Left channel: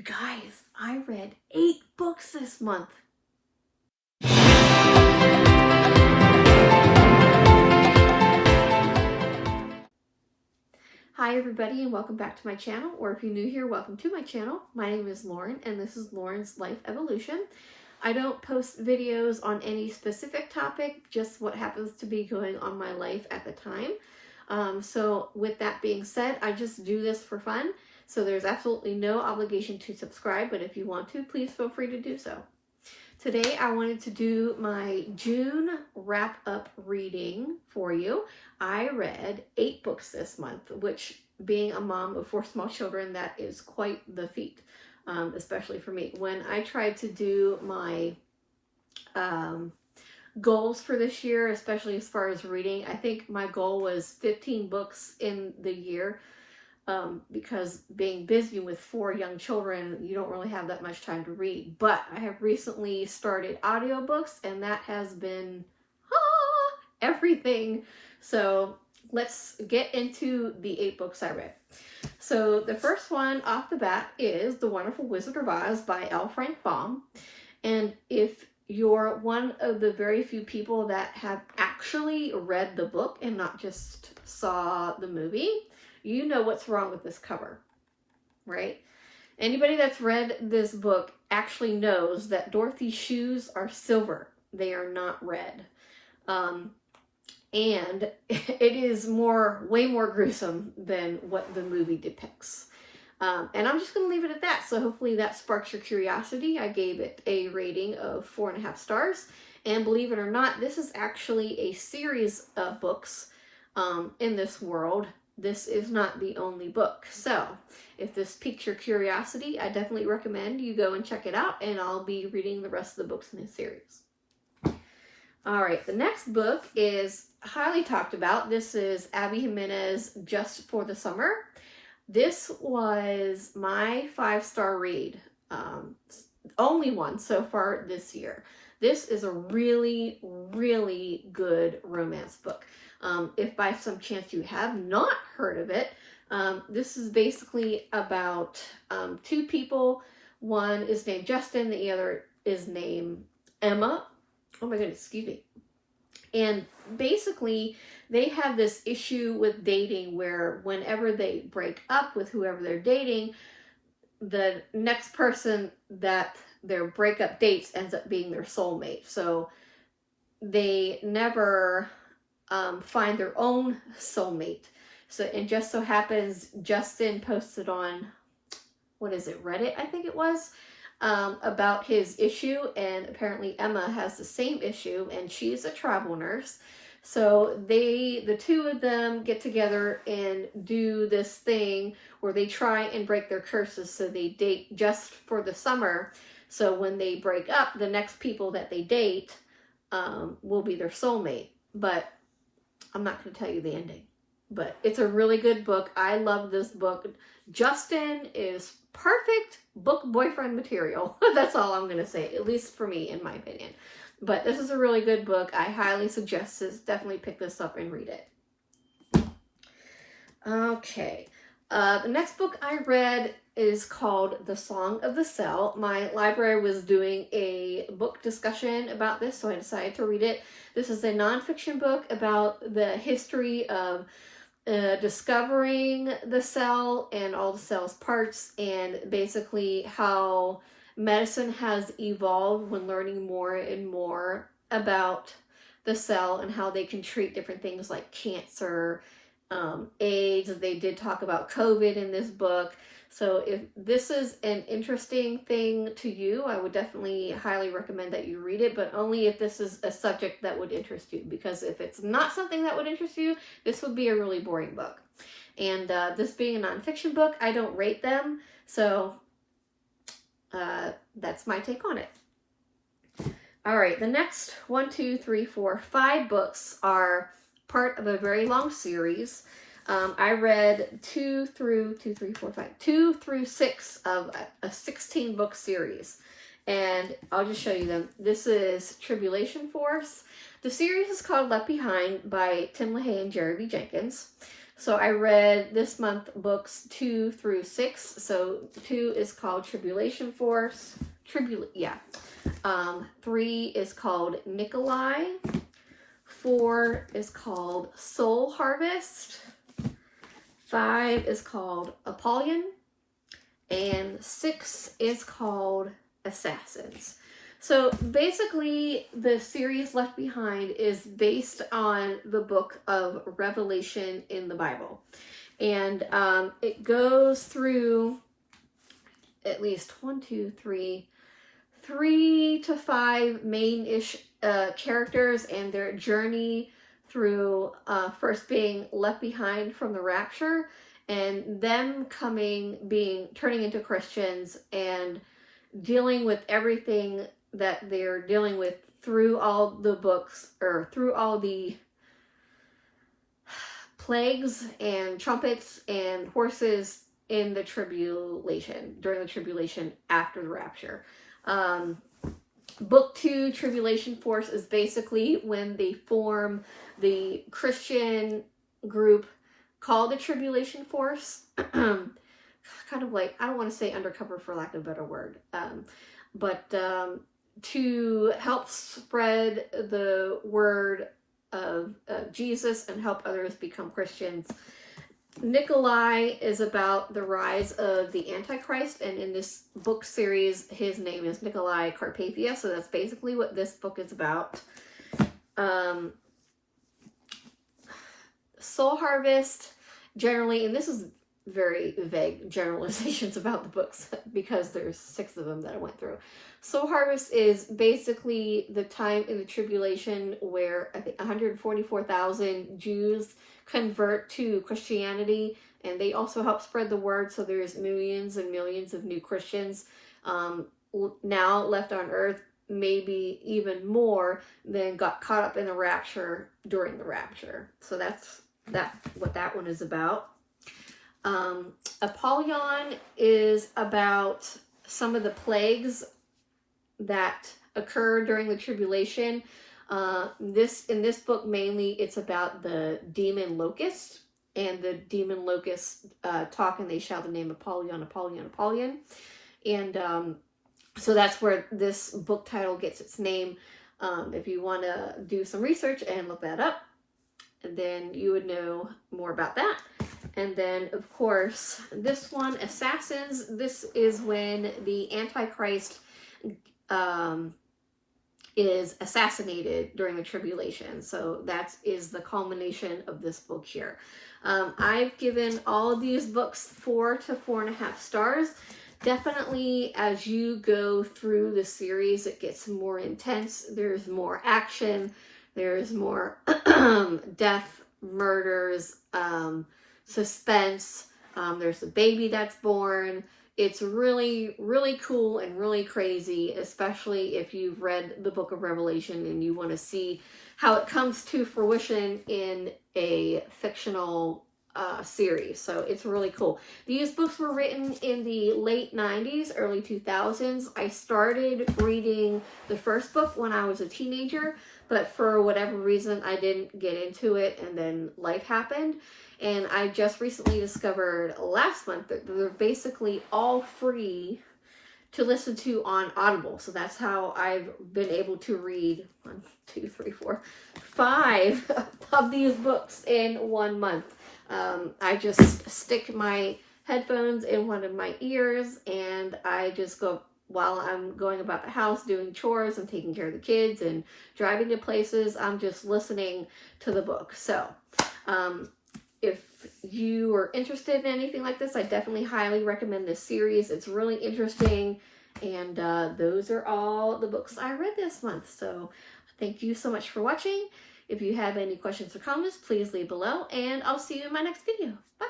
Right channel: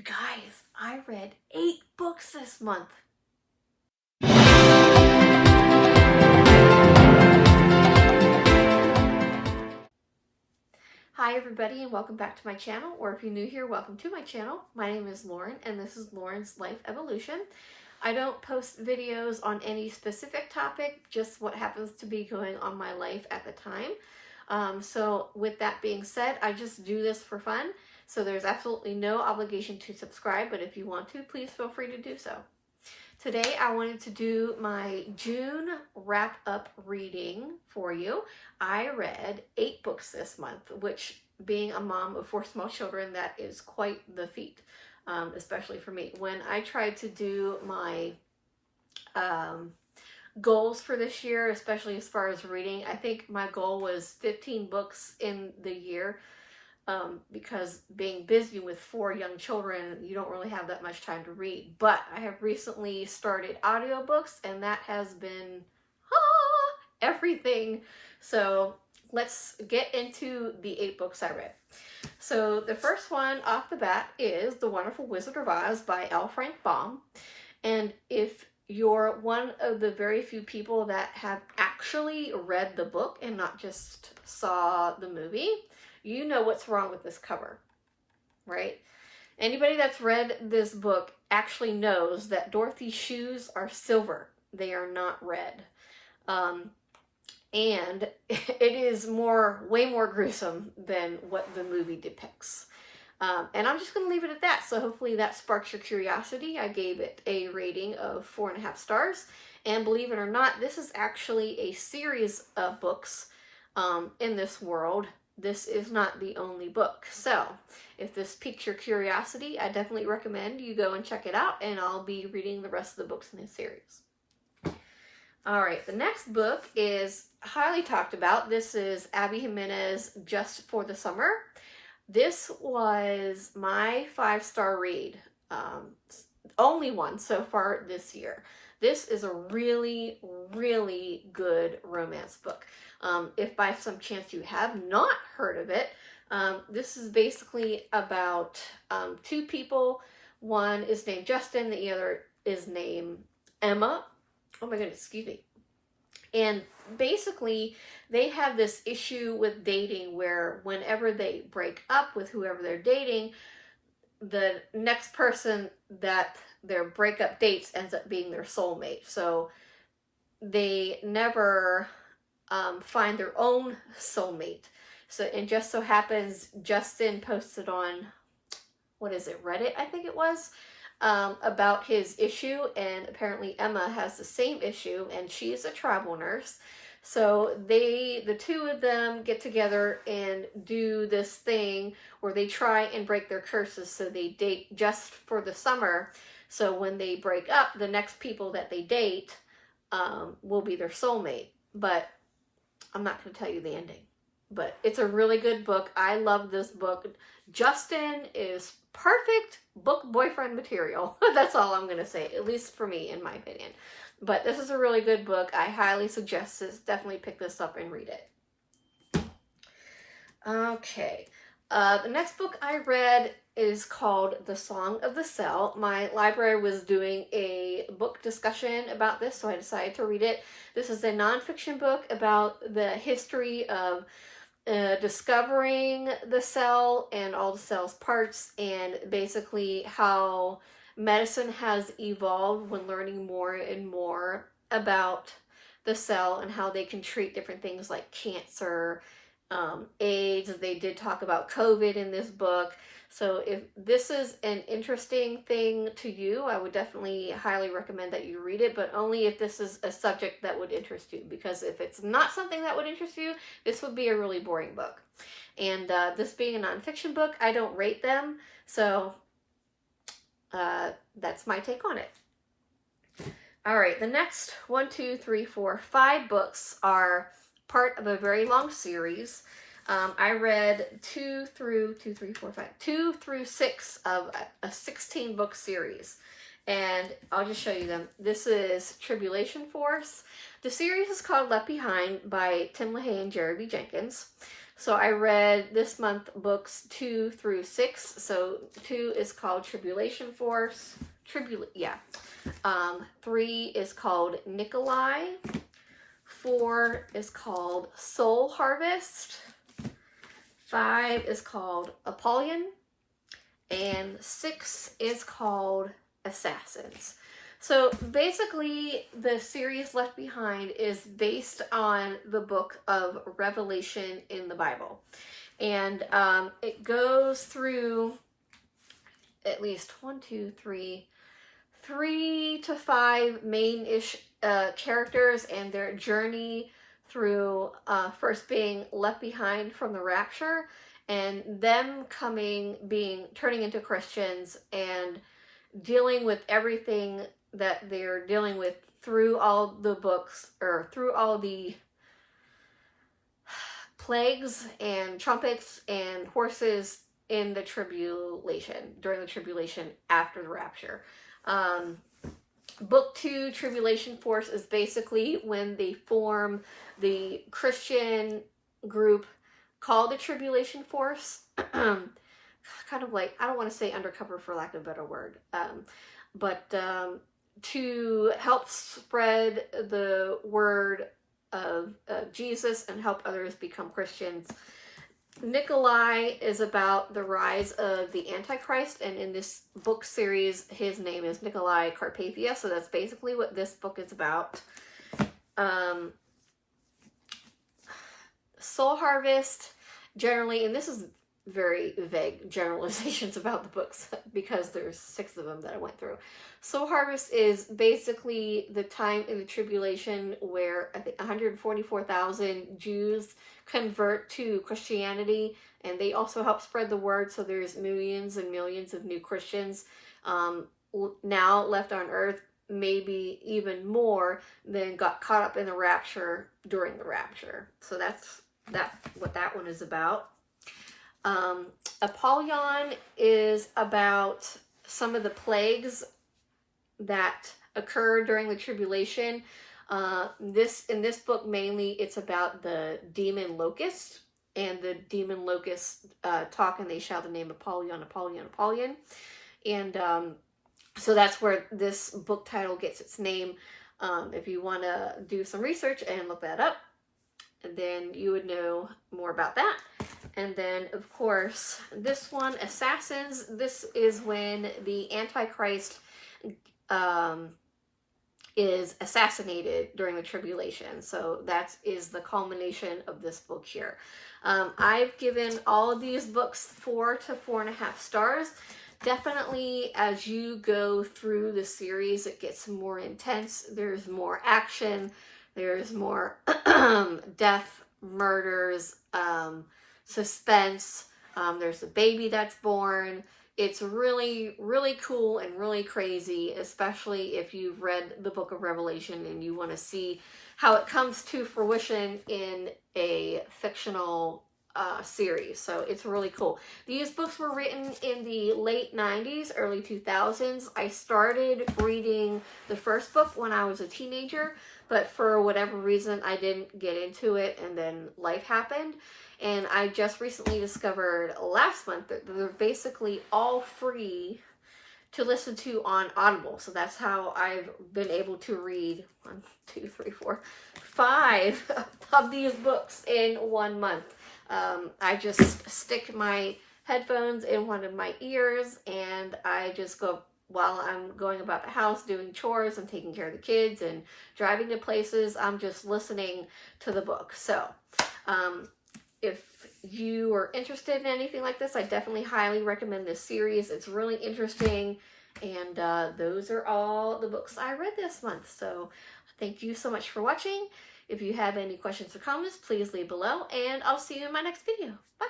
You guys, I read 8 books this month. Hi everybody and welcome back to my channel, or if you're new here, welcome to my channel. My name is Lauren and this is Lauren's Life Evolution. I don't post videos on any specific topic, just what happens to be going on in my life at the time. So with that being said, I just do this for fun. So there's absolutely no obligation to subscribe, but if you want to, please feel free to do so. Today I wanted to do my June wrap-up reading for you. I read 8 books this month, which, being a mom of 4 small children, that is quite the feat, especially for me. When I tried to do my goals for this year, especially as far as reading, I think my goal was 15 books in the year. Because being busy with 4 young children, you don't really have that much time to read. But I have recently started audiobooks, and that has been everything. So let's get into the 8 books I read. So the first one off the bat is The Wonderful Wizard of Oz by L. Frank Baum. And if you're one of the very few people that have actually read the book and not just saw the movie, you know what's wrong with this cover, right? Anybody that's read this book actually knows that Dorothy's shoes are silver. They are not red. And it is way more gruesome than what the movie depicts. And I'm just going to leave it at that. So hopefully that sparks your curiosity. I gave it a rating of 4.5 stars. And believe it or not, this is actually a series of books in this world. This is not the only book. So if this piques your curiosity, I definitely recommend you go and check it out, and I'll be reading the rest of the books in this series. All right, the next book is highly talked about. This is Abby Jimenez, Just for the Summer. This was my 5-star read, only one so far this year. This is a really, really good romance book. If by some chance you have not heard of it, this is basically about 2 people. One is named Justin, the other is named Emma. Oh my goodness, excuse me. And basically, they have this issue with dating where whenever they break up with whoever they're dating, the next person that their breakup dates ends up being their soulmate. So they never find their own soulmate. So it just so happens Justin posted on, Reddit, I think it was, about his issue, and apparently Emma has the same issue, and she's a travel nurse. So the 2 of them get together and do this thing where they try and break their curses. So they date just for the summer. So when they break up, the next people that they date will be their soulmate. But I'm not going to tell you the ending. But it's a really good book. I love this book. Justin is perfect book boyfriend material. That's all I'm going to say, at least for me, in my opinion. But this is a really good book. I highly suggest this. Definitely pick this up and read it. Okay. The next book I read is called The Song of the Cell. My library was doing a book discussion about this, so I decided to read it. This is a nonfiction book about the history of discovering the cell and all the cell's parts, and basically how medicine has evolved when learning more and more about the cell and how they can treat different things like cancer, AIDS. They did talk about COVID in this book. So if this is an interesting thing to you, I would definitely highly recommend that you read it, but only if this is a subject that would interest you. Because if it's not something that would interest you, this would be a really boring book. And this being a nonfiction book, I don't rate them. So that's my take on it. All right, the next 5 books are part of a very long series. I read 2 through 6 of a 16-book series, and I'll just show you them. This is Tribulation Force. The series is called Left Behind by Tim LaHaye and Jeremy Jenkins. So I read this month books 2 through 6. So 2 is called Tribulation Force. 3 is called Nikolai. 4 is called Soul Harvest. 5 is called Apollyon. And 6 is called Assassins. So basically, the series Left Behind is based on the book of Revelation in the Bible. And it goes through at least 3 to 5 main-ish characters and their journey through first being left behind from the rapture and them turning into Christians and dealing with everything that they're dealing with through all the books, or through all the plagues and trumpets and horses in the tribulation, during the tribulation after the rapture. Book 2, Tribulation Force, is basically when they form the Christian group called the Tribulation Force. Kind of like, I don't want to say undercover for lack of a better word, but to help spread the word of Jesus and help others become Christians. Nikolai is about the rise of the Antichrist, and in this book series, his name is Nikolai Carpathia, so that's basically what this book is about. Soul Harvest, generally, and this is very vague generalizations about the books because there's 6 of them that I went through. Soul Harvest is basically the time in the tribulation where I think 144,000 Jews convert to Christianity, and they also help spread the word, so there's millions and millions of new Christians now left on earth, maybe even more than got caught up in the rapture during the rapture. So that's what that one is about. Apollyon is about some of the plagues that occur during the tribulation. In this book, mainly, it's about the demon locust, and the demon locusts talk and they shout the name Apollyon, Apollyon, Apollyon. And so that's where this book title gets its name. If you want to do some research and look that up, then you would know more about that. And then, of course, this one, Assassins, this is when the Antichrist is assassinated during the tribulation. So that is the culmination of this book here. I've given all of these books 4 to 4.5 stars. Definitely, as you go through the series, it gets more intense. There's more action. There's more death, murders, suspense. There's a baby that's born. It's really, really cool and really crazy, especially if you've read the book of Revelation and you want to see how it comes to fruition in a fictional series. So it's really cool. These books were written in the late 90s, early 2000s. I started reading the first book when I was a teenager, but for whatever reason, I didn't get into it, and then life happened. And I just recently discovered last month that they're basically all free to listen to on Audible. So that's how I've been able to read 5 of these books in 1 month. I just stick my headphones in one of my ears, and I just go, while I'm going about the house, doing chores and taking care of the kids and driving to places, I'm just listening to the book. So, if you are interested in anything like this, I definitely highly recommend this series. It's really interesting. And those are all the books I read this month. So thank you so much for watching. If you have any questions or comments, please leave below. And I'll see you in my next video. Bye.